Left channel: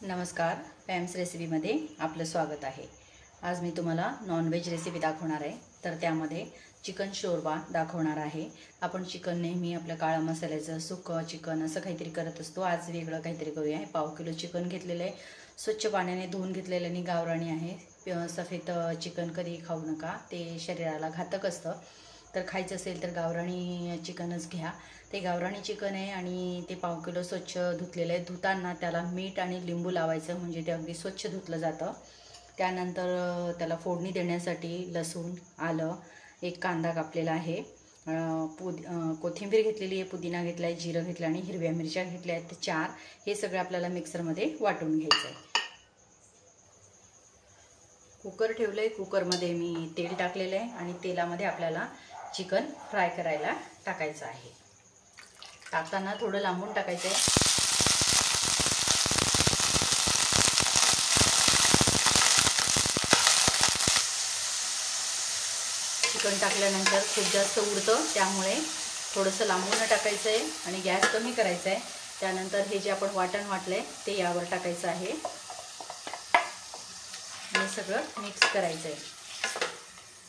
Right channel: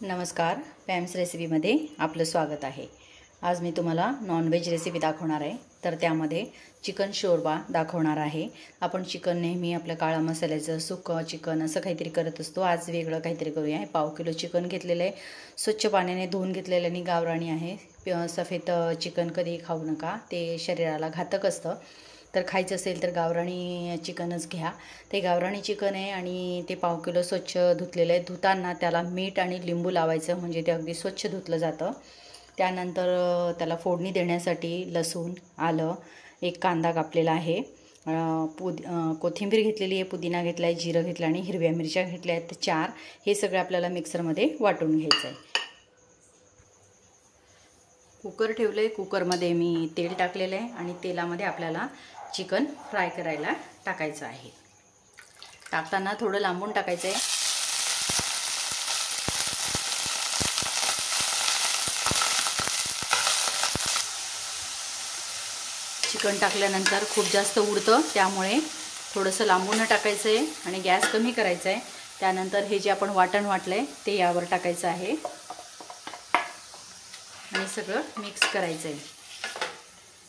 नमस्कार, पॅम्स रेसिपीमध्ये आपलं स्वागत आहे। आज मी तुम्हाला नॉनव्हेज रेसिपी दाखवणार आहे। तर त्यामध्ये चिकन शोरबा दाखवणार आहे। आपण चिकन नेहमी आपल्या काळा मसाल्याचं सुकं चिकन असं काहीतरी करत असतो। आज वेगळं काहीतरी करूया। पाव किलो चिकन घेतलेलं आहे, स्वच्छ पाण्याने धुवून घेतलेलं आणि गावराणी आहे। सफेद चिकन कधी खाऊ नका, ते शरीराला घातक असतं। तर खायचं असेल तर गावराणी चिकनच घ्या। ते गावराणी चिकन आहे आणि ते पाव किलो स्वच्छ धुतलेलं आहे। धुताना त्याला मीठ आणि लिंबू लावायचं, म्हणजे ते अगदी स्वच्छ धुतलं जातं। त्यानंतर त्याला फोडणी देण्यासाठी लसूण, आलं, एक कांदा कापलेला आहे, कोथिंबीर घेतलेली आहे, पुदिना घेतला आहे, जिरं घेतलं आणि हिरव्या मिरच्या घेतल्या आहेत 4। हे सगळं आपल्याला मिक्सरमध्ये वाटून घ्यायचं आहे। कुकर ठेवलं आहे। कुकरमध्ये मी तेल टाकलेलं आहे आणि तेलामध्ये आपल्याला चिकन फ्राय करायला टाकायचं आहे। टाकताना थोडं लांबून टाकायचं आहे। चिकन टाकल्यानंतर खूप जास्त उडतं, त्यामुळे थोडंसं लांबून टाकायचं आहे आणि गॅस कमी करायचा आहे। त्यानंतर हे जे आपण वाटण वाटलंय ते यावर टाकायचं आहे आणि सगळं मिक्स करायचं आहे।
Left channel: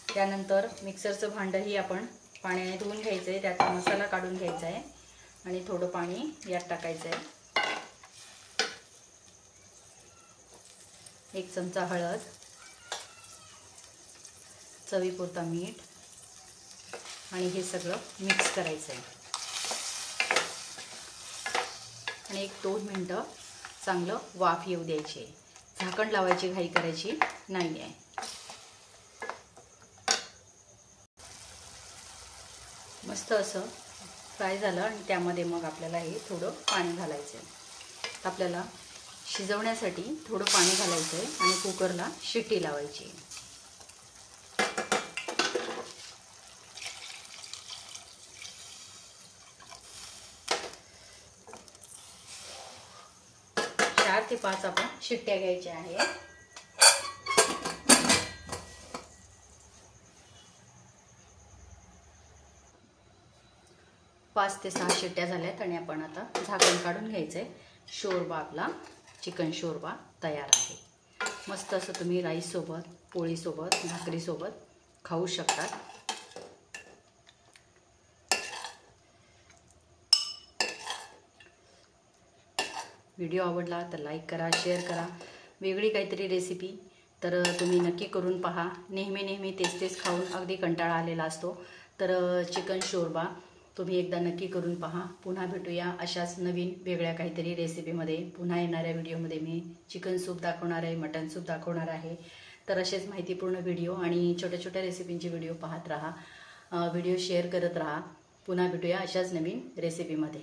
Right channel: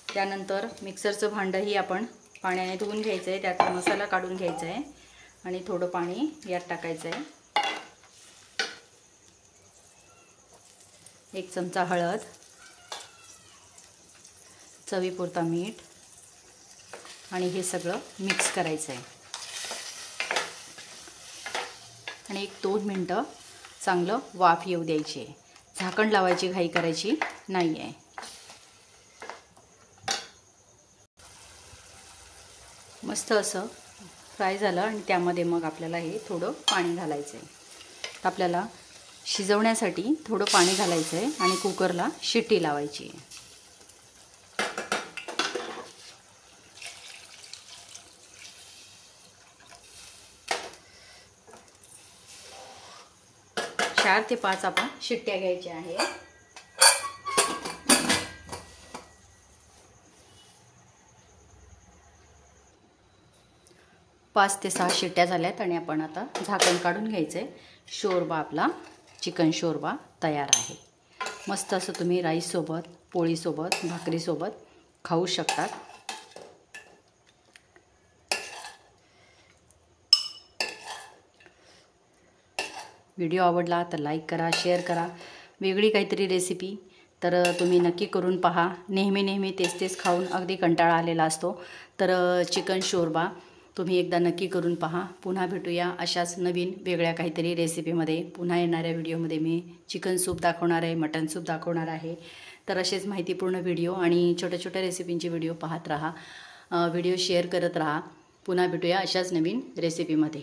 त्यानंतर मिक्सरचं भांडंही आपण पाण्याने धुवून घ्यायचं आहे। त्यात मसाला काढून घ्यायचा आहे आणि थोडं पाणी यात टाकायचं आहे। 1 चमचा हळद, चवीपुरता मीठ आणि हे सगळं मिक्स करायचं आहे आणि 1-2 मिनिटं चांगलं वाफ येऊ द्यायची आहे। झाकण लावायची घाई करायची नाही आहे। मस्त असं फ्राय झालं आणि त्यामध्ये मग आपल्याला हे थोडं पाणी घालायचं आहे। आपल्याला शिजवण्यासाठी थोडं पाणी घालायचं आहे आणि कुकरला शिट्टी लावायची आहे। चार ते 5 आपण शिट्ट्या घ्यायच्या आहेत। 5 ते 6 शिट्ट्या झाल्यात आणि आपण आता झाकण काढून घ्यायचं आहे। शोरबा आपला चिकन शोरबा तयार आहे। मस्त असं तुम्ही राईस सोबत, पोळी सोबत, भाकरी सोबत खाऊ शकता। व्हिडिओ आवडला तर लाईक करा, शेअर करा। वेगळी काहीतरी रेसिपी तर तुम्ही नक्की करून पहा। नेहमी तेच खाऊन अगदी कंटाळा आलेला असतो। तर चिकन शोरबा तुम्ही एकदा नक्की करून पहा। पुन्हा भेटूया अशाच नवीन वेगळ्या काहीतरी रेसिपीमध्ये। पुन्हा येणाऱ्या व्हिडिओमध्ये मी चिकन सूप दाखवणार आहे, मटन सूप दाखवणार आहे। तर असेच माहितीपूर्ण व्हिडिओ आणि छोट्या रेसिपींचे व्हिडिओ पाहत राहा, व्हिडिओ शेअर करत राहा। पुन्हा भेटूया अशाच नवीन रेसिपीमध्ये।